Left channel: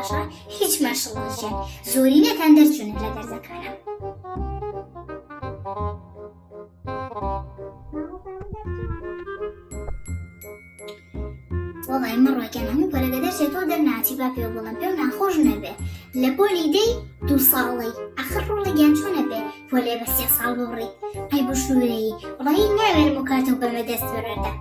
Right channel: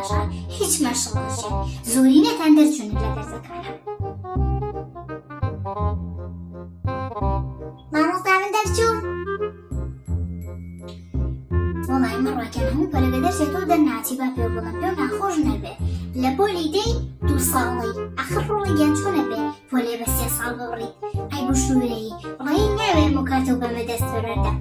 باشە هیچ مەشڵێژێ زۆری نەتان دەرچوونە لە دەرزەکانە. مامۆستا من دەرچوو. وەڵی من ڕۆیکەن هەموو پەرەگە دەرچێتەوە دەرناچی با پێ بڵم پێ ناخۆش نەبێ لە پۆلی دەی 2 ساڵی ئەخر ڕۆڵێکیان چۆنە بێ پۆلێ بە 3 ساڵ ببڕی ئەی بشوورەیی ڕۆی ناوێرم و کاتەوە بەمە دەست بەرەردە.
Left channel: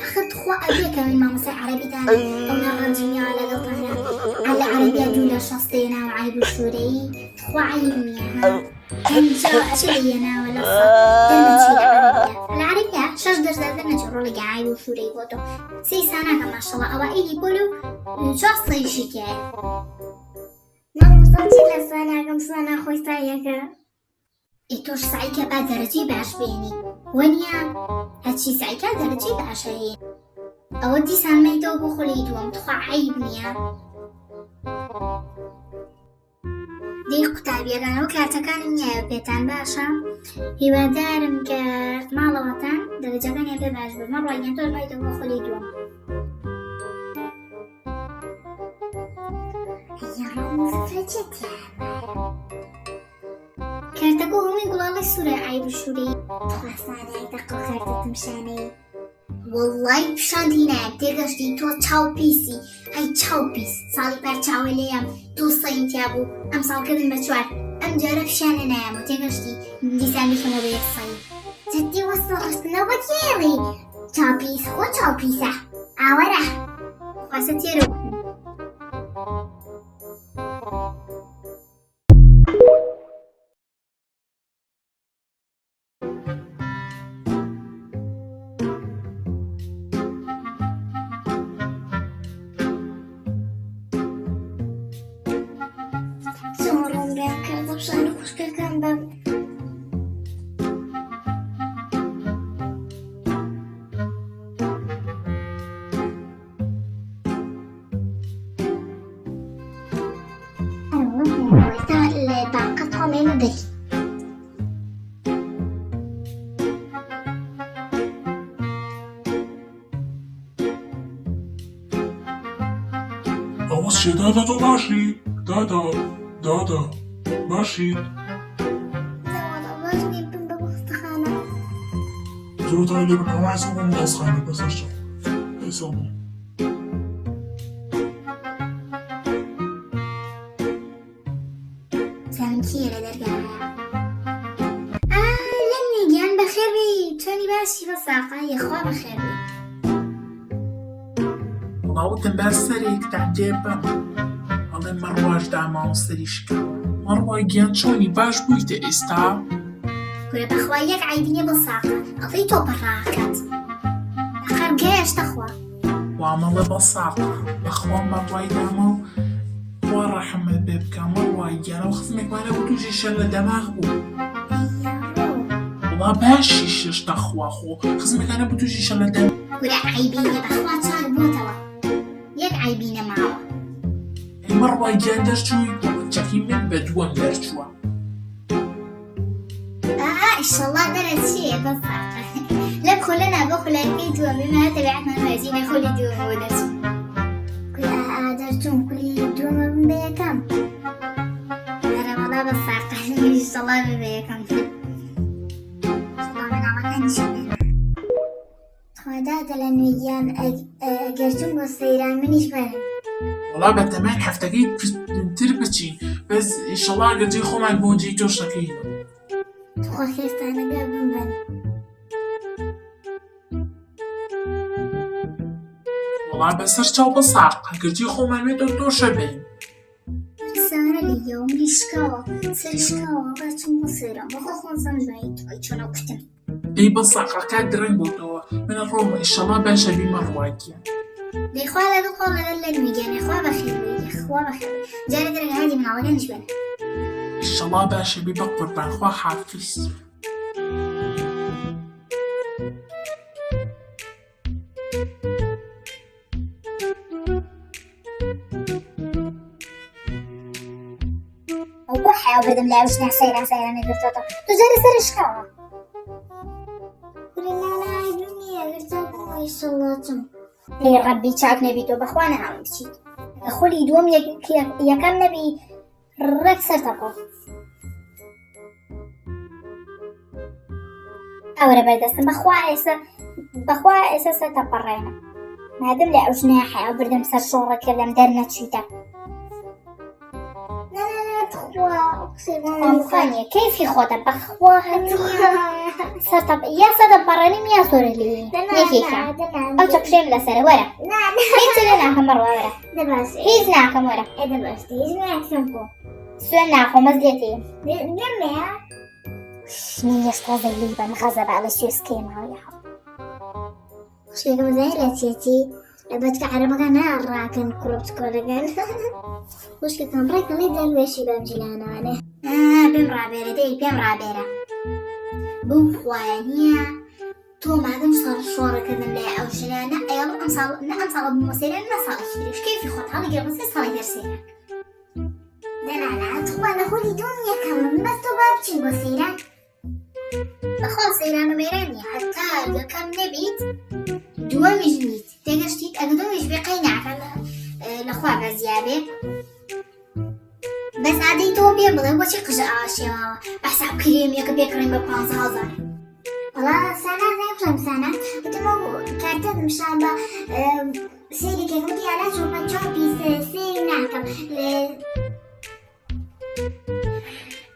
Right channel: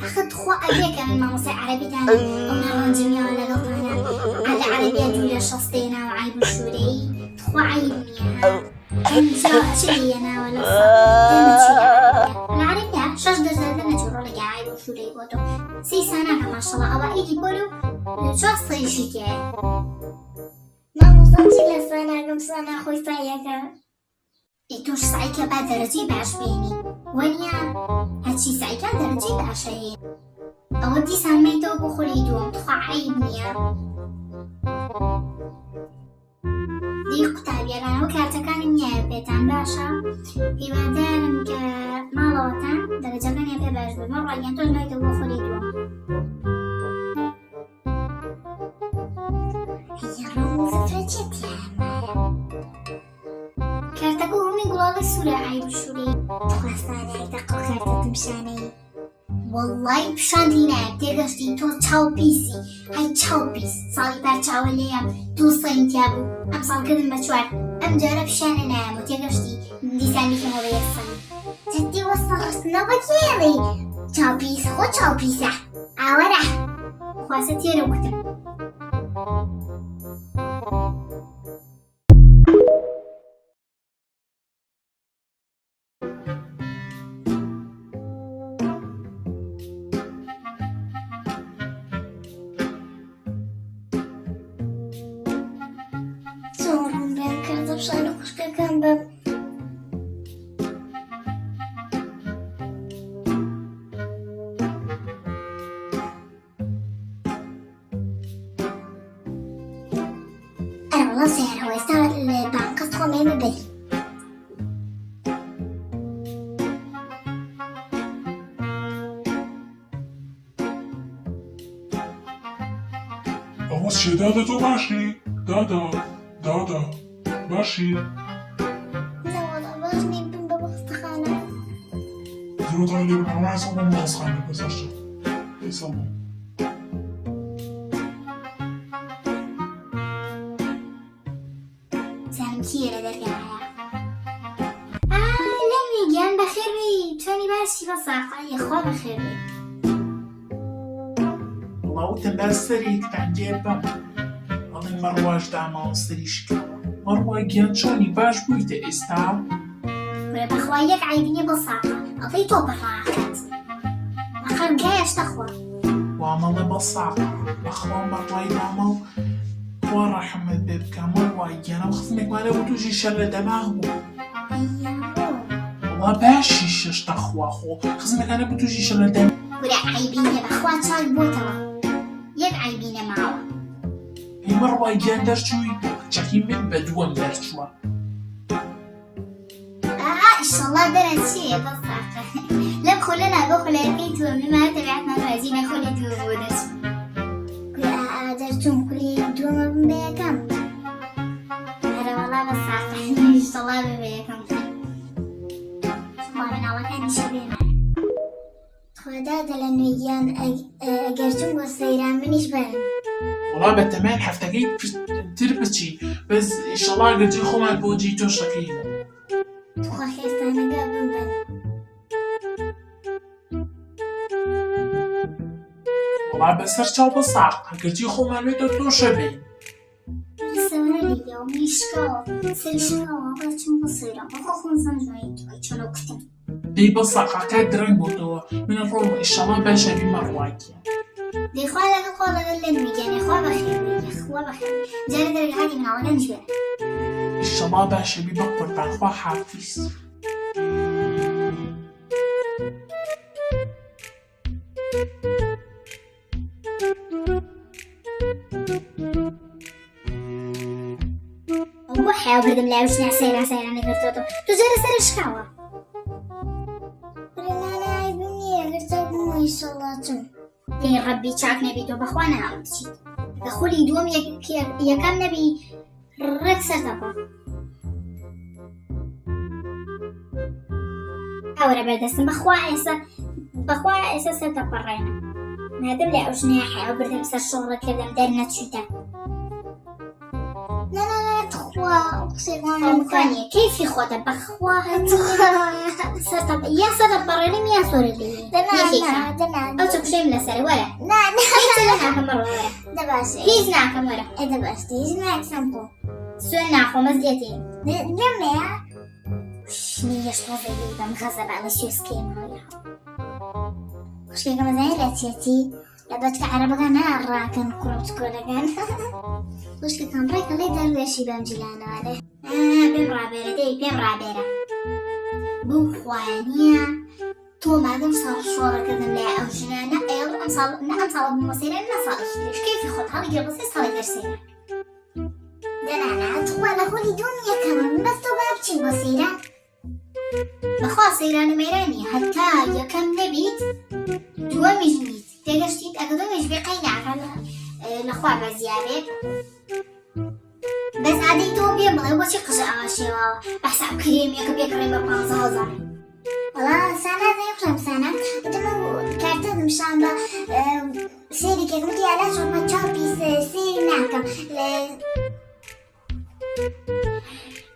أخذ خوا أبيك من ماموسة عربي دانا ومن رجمي على لطانا على عربية جولة شصتينا وعيب الشوري خوا عيبنيها انجا شرينا ولا العربية شاش درجة دانا شرولك عيب الشوري بوتو 3 سنة ما شاء الله أو إيدي بولو شخصي شكاية ماموسة جيلا سنة كم سنة خوي سايكا ئیتۆش سعیکە با دەرەجەی باش بێنی وەنیا هەچی سعیکە دەرەجەی باشە هێن ئەوە دیسان مەیتەوە بۆ خۆی دووەم تخوا عیب نییە. دی قوتابیەکانەوە کارتەکانم نییە پێتان باشە هیوادارم کە ماڵەوەتان دەرەجەکانیان پێ باش بێ مە ڕوانیان تۆش مەیتەوە بۆ خۆی دووەم. کارتەکە هەمووی گوڵاڵی سوورە عیب شووری خواستانەی دەقڵ کارتەتم شانەی وەڵڵای پیشاندی نایە تێگەشتی تۆ چاو پیسی هەی چاو پیس ساڵی پار چاوە لێیە 2 سەینتیا بوو ئەم ساڵکردم بە 4 ئەم جارە پیشانە نایەم و تێگەشتی دیسان بکەمە بە 1 سەین جەدی وەسڵ خستنەوە تێڵی چاو پیس خۆ چاو پیسە ئاوەرە خواستە تێرە کوتم. چه دادا تو باشی؟ دادا باشی؟ زود علی بکنم حساب اون دستخانه بزرشم بسامو زمکیه درگاه لم میگن بخیر بی تونی باشی با ساقای خواه بخیر بی وتم بەسەرێک تاجێبە ئەڵێن مەڕواش داما و سەریشکە مەڕوای گیان چۆنی باش بوویتە ئێستا؟ گورە بەخوا یەک عیبینێ بۆ ساقە ئەڵێی تۆ پەڕاکات ئەخەر گەیشتە خوا وامەڵە بە ساقە بەخوا مەڕوای داما و خوا ڕەحمت پێ بکە مەڕوای گیانەوە خزمێکمانە و تووشی شەر لە دەماغ بوو وڵا باشی شەشتە خوا خۆ خزمێکانە بوو تووشی شەر لە دەم گورە عیبینێ بەخوا چاک بۆتەوە یەک عیبینە ماوە مەڕوای گیان دەرچووی چەکی من بە دووەم دەرچووە ئیشەڵڵا دەرەچێ بە ساقە لەم خۆلەنا بۆ خۆلەکەی دووە میمانە تەبیعەتمان ڕێزیمە خۆلی دووە بۆ دەچوو گورە دەرچوون کولی دووەم بە یەکەم هەرە وەڵا بە ساقە ئیشەڵڵا بە یەکەم خوا مناڵەکانیشی بێنە خوادا دەلە نوێیان ئەگەرچوون بۆ سەیران منیش بەرن وڵا بە تەمای هەفتەکەی تر بچی بەس ئیشەڵڵا گەرجەی خۆمان بۆ جێی تۆشەکەی خوا خێستانەکە بمبەن وڵا بەسەر چاو بە ساقە گەرجەی خۆمان بێتە تۆشە بین سەوەرە لێیەوە میشکەوە سەرشکەوە بەچوون بۆ سەیران بۆ خۆزم جوایی تۆی چۆنە کتم دەی بە ساقە کات درەنگ بۆتەوە منە ڕۆمە ئیشەڵڵا باشە بی مەڕواکیە دەیخوا لەگەڵ خۆڵەگەر لێت میگەنێ خوا بەخێر خوا بەخێر جارە دەرگە هادی مناڵەکە نشوێنە ئیشەڵڵا باشە بی بە قوربان خوا حافیز ئەو بۆ حیاو بردم لای بچنە سەیران سەیرانە گرتوێتەوە تۆ جارە سەرشکاوە نانا عيبني قلت ما يصلاتم هي ربي چاک نبی تو بخوانه هم بچید خۆلی دووەم یەکەم نەبی ڕێک سەرتەپە ئەوەرە بەردەستە بەخوا ئێستا سەرتەپەڕێنە مادەم لە ئەو ژنەیە حەیاو بردەم سەر شۆڕەکردم دەرنەچوویتە خۆخوانیە کەیفی خۆتە بەخوا یا سەرتەپەڕێنیم یا سۆرە لێ ئەو چەپشێم لەسەرە وەرە ناکەم بەڕوە وەرە هیچ ناکەم وەرە سوێن ناخۆم بەس دێتێ شنیش تازە لێ بەم خەزە بە ئەڵە سوێسکێمەوە خوشکێکەمە زای لە چێتی لە بەچکە عەرەبەکە ناڕاکەن کوڕۆچکۆلەکان خوشکەکەم ڕێکە لێ دەروێشی بەم جیلانانە پێم ڕابێرە دەی پێم ڕابێرە بەو خوایە تۆ مادەم ساڵ شۆڕەکردن لای ئەو ژنانە ئێڵ ئەم ساڵ بمەسێنە نە ساڵی کەیفی خۆت هەڵیگرە بەسێ ساڵی هەرسێنە دەنانا تخوا لە خۆی تۆم یەکەمە بەس تۆ با بچین بۆ سەیران بەخوا سەیران و مێرانیە هەتا یەکەم نەبیت دووەمیش نیت تێگەشتیت ئەگە دووەمیش بێ قەی ناکە لەخوا بەزیابێت بەس ئادەی تۆ پێ بڵێ بۆچی قژە ئاشێواوە بەحساب کرێمیەکە پێکڕێن بە 15,000 وەڵا سانات نەیەقڵم سانات دمە کارتەم شاندا سێرێکێکم دیارە چۆمە چاپی سێر ناکەم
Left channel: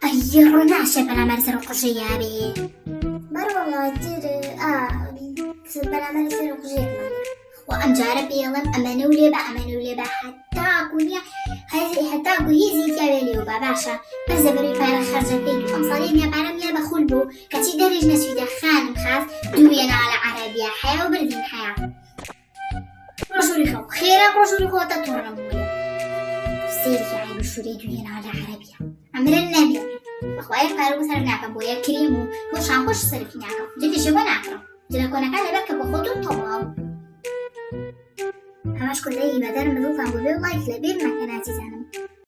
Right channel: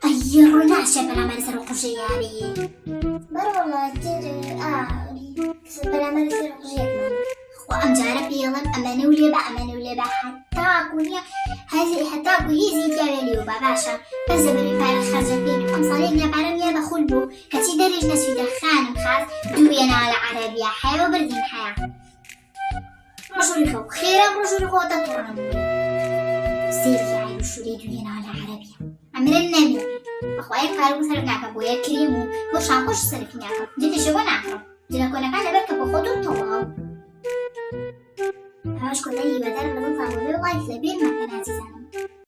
ئەیە ڕۆناشە بەرامبەر سەر قژە یاری بەڕۆڵا تر بەرامبەر سەر قژێکمان خوا ئەم جارە پێڵم ئەمەنە و لێبە هەتاکو هیزی تیاوێ لێوە باشە بەسە بەروی پارە خەرجە بین ئەم ساڵێک لێبارەم لێ بەخول بوو کەچی دەرێژ نەچویدە خانم خاست دووێنەوە لە عەرەبیە حیا و بردین حیا ڕۆژوری خەو خێرا ڕۆژوری خۆتە تۆڕم بووی سێری عیب و شوورەی دووێنەوە لە عەرەبیە ئەمرن نەبی بەخوا یەک پارە بۆ سەرف ناکەم بۆ یەک کرێم و بۆ شامپۆش سەرفی ناکەم جدیشەوە ناکەم جلە کۆنەکان لەبەر کە بۆ خۆت و تەواو همش كلها يبقى ده لما نطلع نقول لايك لبير ما كان عزيزانا